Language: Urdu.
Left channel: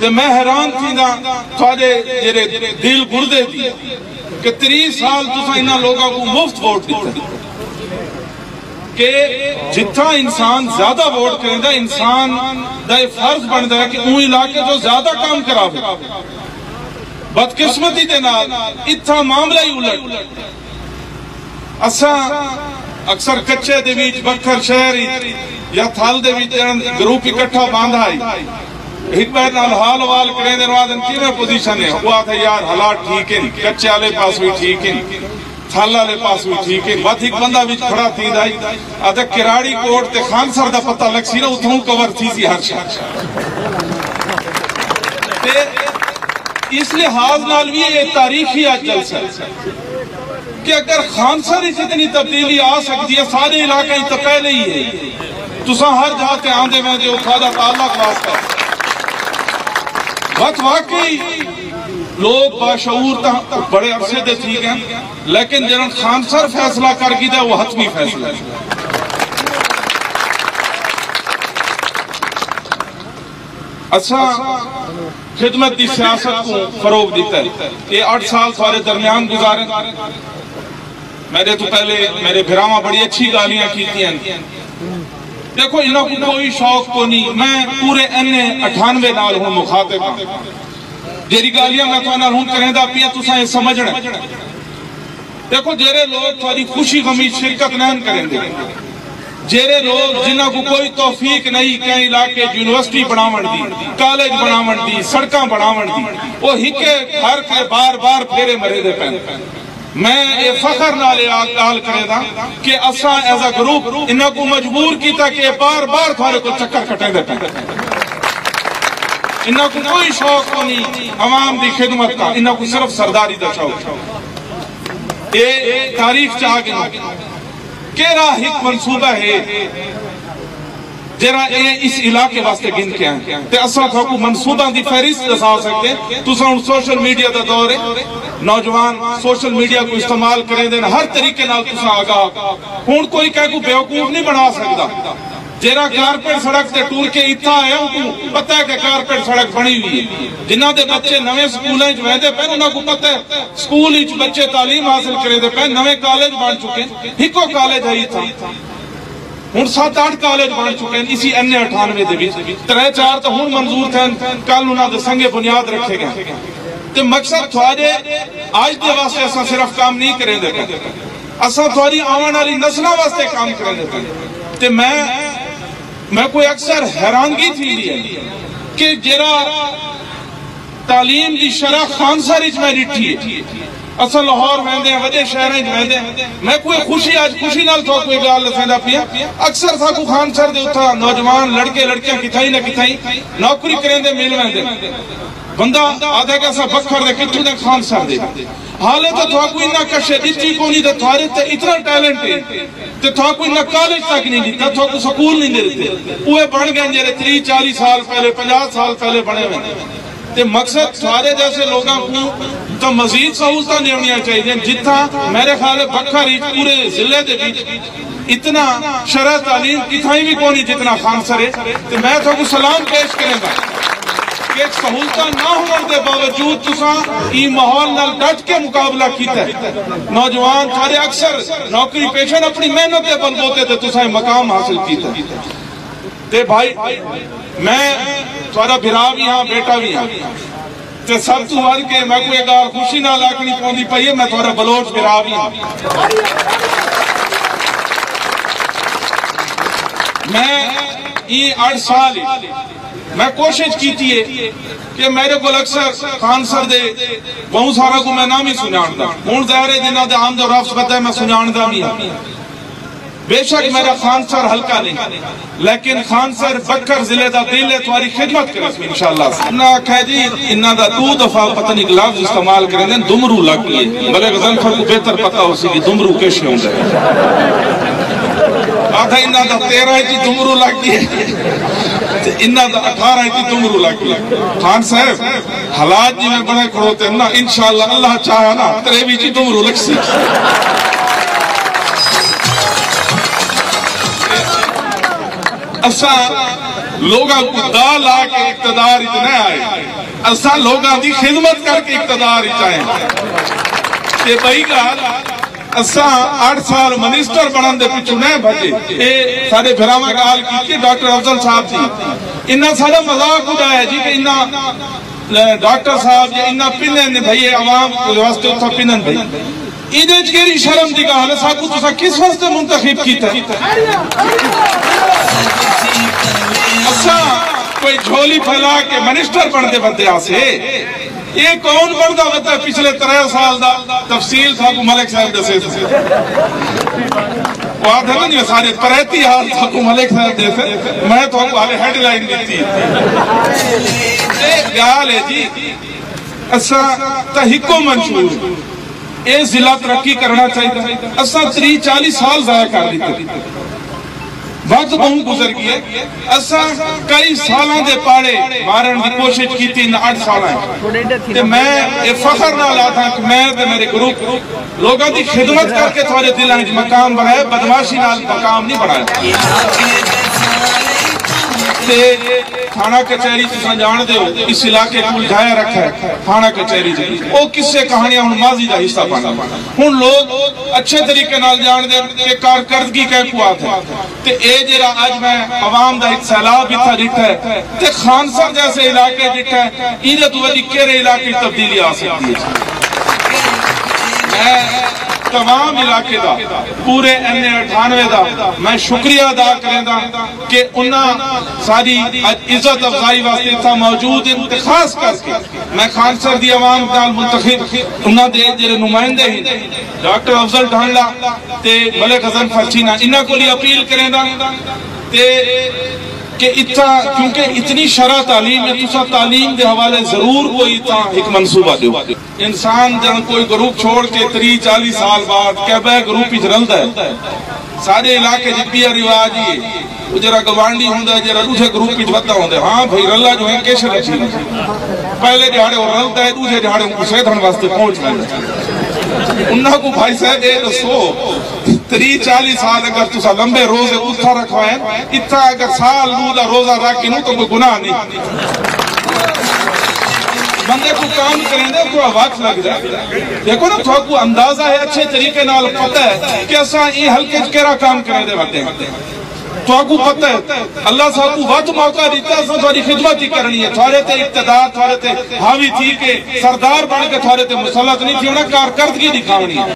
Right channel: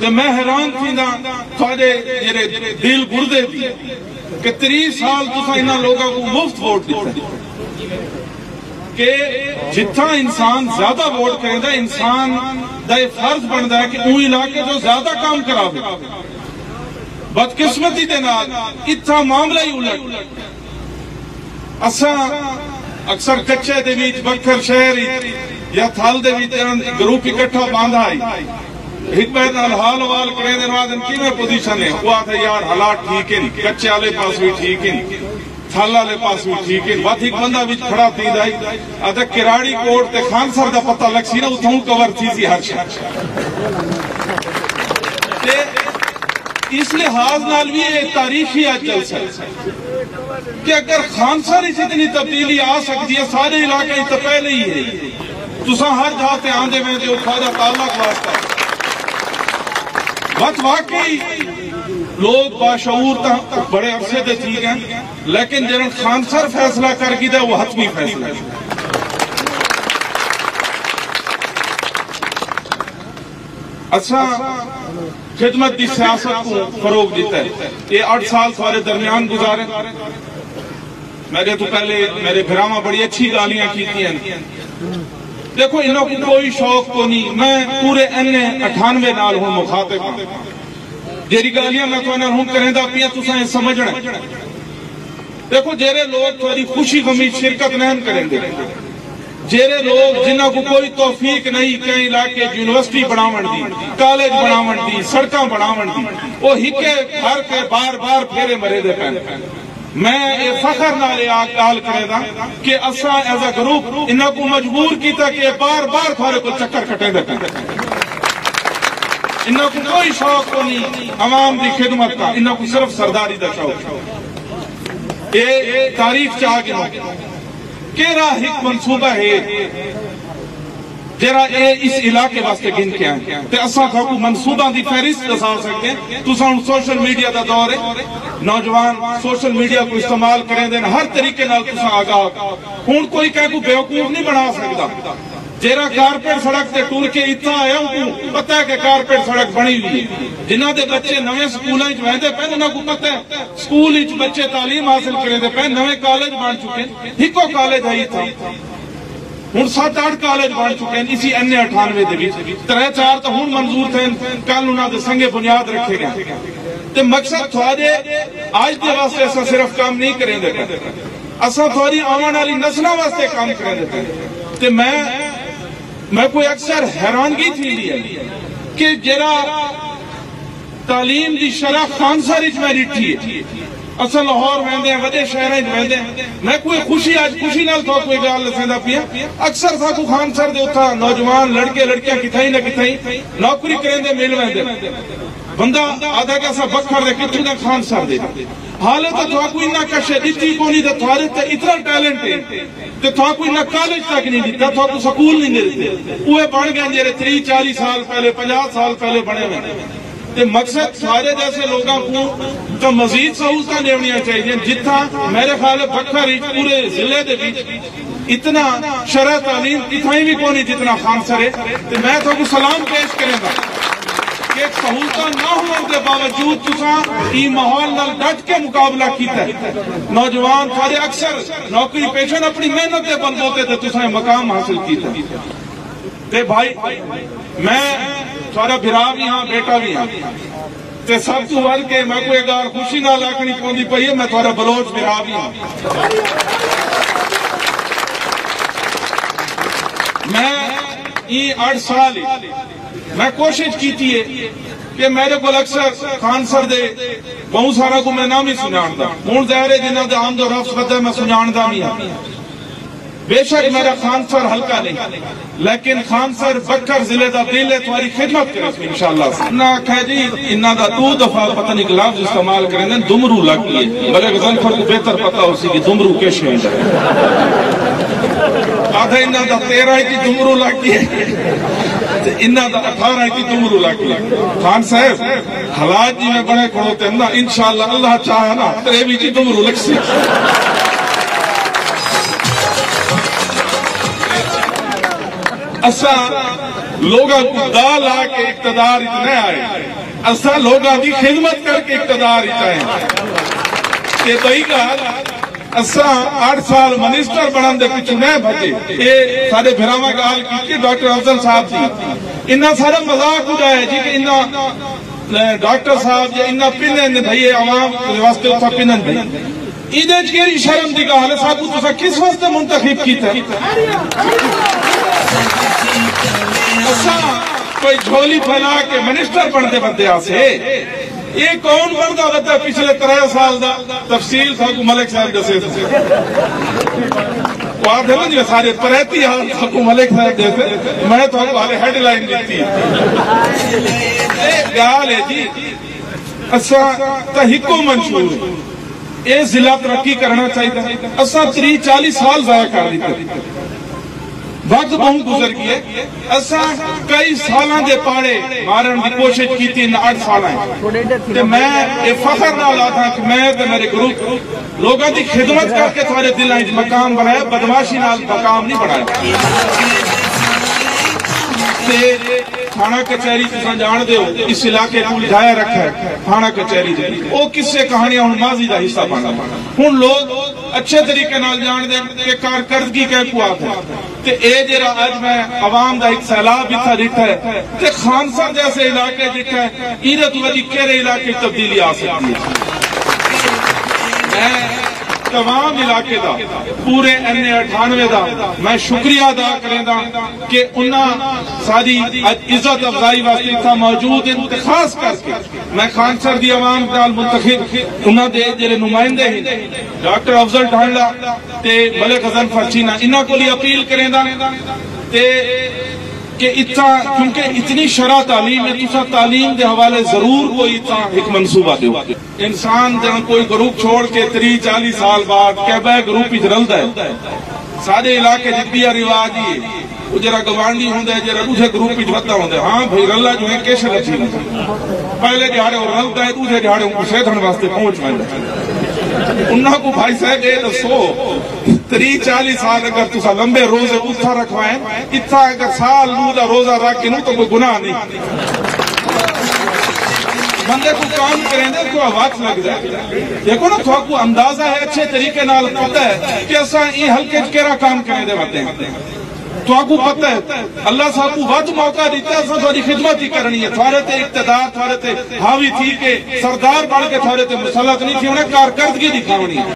تو میں حیران تھی نا تھوڑے جڑے دل گردے تھی کہ 30 سال تساں انہاں لوگوں کو مفت ووٹ دیتا کہ جتنا انسان زیادہ ووٹ کریں دا انسان دا یہ فرض بنتا ہے کہ ان علاقے تو زیادہ کام کراوے. بدقسمتی کے نال اتنا معاملہ ہی الٹ. اساں اکثر کچے دے وچ بکھر شہر یا تھل دے وچ گروپ اکٹھا باندھا ہے ایک بار نال حال وال کرے دے بعد ان کی پوزیشن ہے وہ آتا یار حالات ٹھیک ہیں کچے والے پاس بھی ٹھیک ہیں تھل والے پاس بھی ٹھیک ہے. بات ایک بندہ بھی کھڑا تھی دائی آدھا کراڑی کوٹ تے خان سر دا پتہ لگ سی نا اتھوں کور تھی سی ہر شخص. اس لحاظ نال بھی یہ تاریخی آج جلسہ ہے کہ اگر خان سر اس اتنی تبدیلی آ سکتی ہے سارے علاقے تو پہلے ہی ہے تساں ہر جہاں تے آندے میں جو کھادا تعلق واسطہ بات واقعی لوگ باشعور تا بڑے عرصے دے ٹھیک ہیں لیکن جنہاں خان سر فیصلہ کر گئی تھا وہ حتمی فیصلہ ہے. اچھا خدمت کی سیاست کو فروغ دیتا ہے. یہ 8 سال سارے درمیان گزارے میرے تو پہلے میرے بھراواں بڑی اچھی گالیاں کی تھی. دیکھو انہوں کو کوئی شوق کو نہیں. میں پورے N98 نال ہوں مخاطب ہوں جیری گالیاں میں تو ہوں کریں دا پیا تساں یہ سمجھنا. دیکھو جیرے لوگ تھوڑی خوشی غمی شرکت نہیں کریں گے جیرے لوگ جنہوں کو کوئی توفیق نہیں کہیں علاقے یونیورسٹی بناون دی کالج بناون دی سڑکاں بناون دی وہ ہکے ہر کے بار بار پھیرے مرے دے پہن. میں یہ فخر نالے آل کرے دا کہ اساں ایز اے گروپ انہوں کو مجبور کیتا کہ بار بار تھارے کو چکر کٹے دے پہن. انہوں کو کوئی شوق کو نہیں عوام دی خدمت کا انہوں کو صرف سرداری دا شوق. یہ تاریخ چاہ گیا کیرا ایک منصوبہ ہے جرا اس علاقے واسطے گن کے ہیں تے اساں کو منصوبہ دی فہرست دسا سکتے تساں سوشل میڈیا دا دور ہے نوجوان سوشل میڈیا کو استعمال کریں دین ہر طریقے نال تساں آگاہ ہن کوئی کہہ کو بیوقوف نہیں بنا سکتا. جیرا کارپیٹ سڑک تے ٹور کے اتنا آیا ان کو پتہ ہے کہ کارپیٹ سڑک بنی ہوئی ہے. جنہاں دے بچے نویں سکولیں ویندے پے انہاں کو پتہ ہے سکول وچ بچے تعلیم حاصل کرے دے پے نویں کالج بن چکے ہکو کالج ہے تھا ہن 7-8 کالج بن چکے ہیں اسی N98 دے وچ 3-4 تو ہن منظور تھے کل انہاں دے سنگے بنیاد رکھے گئے. تے مقصد تھوڑے آج دے واسطے اساں صرف کام نہیں کریں گے اساں تھوڑی آون والی نسلاں واسطے کام کریں گے. تے میں کوئی اکثر حیرانگی تھی ہے کہ جرا تعلیم دی شرح خان سر اچ میں ڈٹھی ہے اصل لاہور ویندے ہیں وڈے شہر ویندے ہیں میں کوئی خوشی آج خوشی نال تو کوئی گل دسندا پیا اکثر ساکو خان سر دے اتھا نوجوان لڑکے لڑکیاں کتھائی نہ کتھائی نوکری کریں دے مل ویندے بندہ آدھے کا سا بکھر دے کتھوں دے خان سر دے حالت تو کوئی نہ کشے دتی کو نہیں تے تھارے تے اتنا ٹیلنٹ ہے تے تھا کوئی نہ کالج تک نہیں دیتا تھا کو سکول نہیں دیتے اوے بن گئے جڑے 30-40 سال پہلے 50 سال پہلے بنے ہوئے. تے مقصد سارے جیسے لوگوں کو تو مزید سہولتیں دینی چاہیے جتنا میرے خیال ہے بکھر پورے ضلع دے اتنا شرح تعلیم کتھائی بھی کو نہیں جتنا خان سر ہے. تے میں تو سلام پیش کریں گا کہ ایک سہولتہ نہ ہونے کے باوجود تساں ای ماحول نال ڈٹ کے مقابلہ کیتا ہے. نوجوان تھوڑے اکثر نوکری پیشن اپنی محنت کے بلبوتے تے تساں مقام حاصل کیتا ہے. تے بھائی میں تھوڑا بھرا بھی ہاں بیٹا بھی ہاں تے سب تو ول کے میں کوئی گال خوشی نال آکھنی پوندی پئی ہے میں تھوڑا بلوچ بھرا بھی ہاں. میں ای 8 سال میں کوشش کیتی ہے کہ میرے کو اکثر خان سر دے بہت سارا کو میں نام ہی سناندا ہوں ظاہر ہے جنہاں دا حمد و رفض پتہ ہے میں سناندا بھی ہاں. بے شک میرا خان سر ہلکا نہیں لیکن خان سر بکر ضلع دا دل ہے تمہاری خدمت کرے انشاءاللہ. نہ کہہ جی انہاں دا 2 دفعہ پتہ نہیں لفظ استعمال کریں دیں دمرو لگ گئی بلے غزل کو بہتر پتہ ہو سی دمرو کیسے ہوندا آدھا انہاں دا 13 ہے دمرو لگ گئی انہاں دا 18 ہے دمرو لگ گئی. خان صاحب حالات جی میں بڑے کھڑوتے نا انشاءاللہ اللہ چاہا نا تیرے بھی جی دمرو لگ سی. لوگوں کو دا لا کے اقتدار اتنے آئے اصا لوگوں کی خدمت کر کے اقتدار آئے تے بھائی گل اصا 8 سال منسٹر بننے کے پیچھے نہیں بھجے یہ سارے گھراں گال کی ڈاکٹر افضل صاحب جی انہیں سارا مذاق اڑایا جی کہ انہیں ڈاکٹر صاحب جی انہیں پنن بھائی عوام واسطے اتنا پنن بھائی ایدے کیڑی شرم دی گل ہے ساکو تساں کس واسطے منتخب کیتا اساں کوئی جھولی پھیلا کے منسٹر بنتے بندے آسے یہ کون بنتا بتا پچھلے 3 سال دا تفصیل ساکو ملک صاحب دسے وہ آپ دیکھیں جو سارے 33 حال ساکو ملک صاحب دسے میں تو آپ ہیڈ لائن دیتی گال ہے جی اساں تحقیق منشور یہ ضلع ترقی کرنا چاہیے اصا 30-40 سال ضائع کر دیتے وقت بہت گزر گئے اصا کئی سالاں دے پاڑے مارن کی کوشش کی تھی 8 سال میں یہ فخر نہ لاتا کہ میں میرے گروپ لوگوں کی خدمت کر کے تھوڑے دلوں میں مقام بنایا بدماشی نال مقام نہیں بنایا تھانہ کچہری تساں جان دے ہو اس علاقے کو لگایا رکھا ہے تھانہ کچہری وہ کس سے کہانیاں ہوں ماضی کا حصہ بنا ہوں لوگ اچھے طریقے نال جان دے کہ کارکردگی کہیں کو آتا ہے تے اے جرا آج میں عوام دا سیلاب اتنا جٹھا ہے تے خانسر جیسے علاقے جٹھا ہے انہیں تو ابھی کہرے علاقے تبدیلی آ سکتی ہے میں تمام علاقے دا پورے MA98 دا میں شکریہ ادا کریں دا کہ انہاں ساری عزت افزائی واسطے اتنا موجود ہیں خاص کر کے میں خانسر دی عوام نال منتخب انہاں دے جڑے نمائندے ہیں ڈاکٹر افضل ڈھانڈا تے ملک حسن فرچینا انہاں کو لیے اپیل کریں دا کہ اتنا کیونکہ اتنی شرح تعلیم ہے تسا تعلیم دے حوالے ضرور کوئی اتنا ایک منصوبہ دیو انسان جہاں کوئی گروپ چھوڑ کے 30-40 سال بعد کہبہ گروپ ہی رلتا ہے سارے علاقے جدی رواج ہی وہ جرا گوانڈی ہوں جرا دوسرے گروپ ہی ودا ہوتا ہے ہاں بھائی رلا جو ہے کیسے رکھی پہلے دہاڑے وہ رلتا ہے دوسرے دہاڑے وہ صحت واسطے پہنچ رہا انہوں کو بھائی صاحب یہ دسو 30-40 سال اگر تسا لمبے روزے اتھا رکھوائیں اتھا اگر سال نو روزہ رکھ کے نو تو کوئی گناہ نہیں بندے کو کام کریں گے تو وقت لگ جائے دیکھو نا تھوڑا کو اندازہ ہے اچھے طریقے نال پتہ ہے کہ اساں یہ ہلکے کیڑا کام کرنے دے باتے ہیں تو کو پتہ ہے اللہ صاحب کو وقت موقع دیتا ہے اساں تھوڑی خدمت ہی کرنی ہے تھوڑے تے اقتدار تھوڑے تے حاوی تھی کے سردار بن کے تھوڑے تے مسلط نہیں کیوں نہ کارکردگی دکھاونی ہے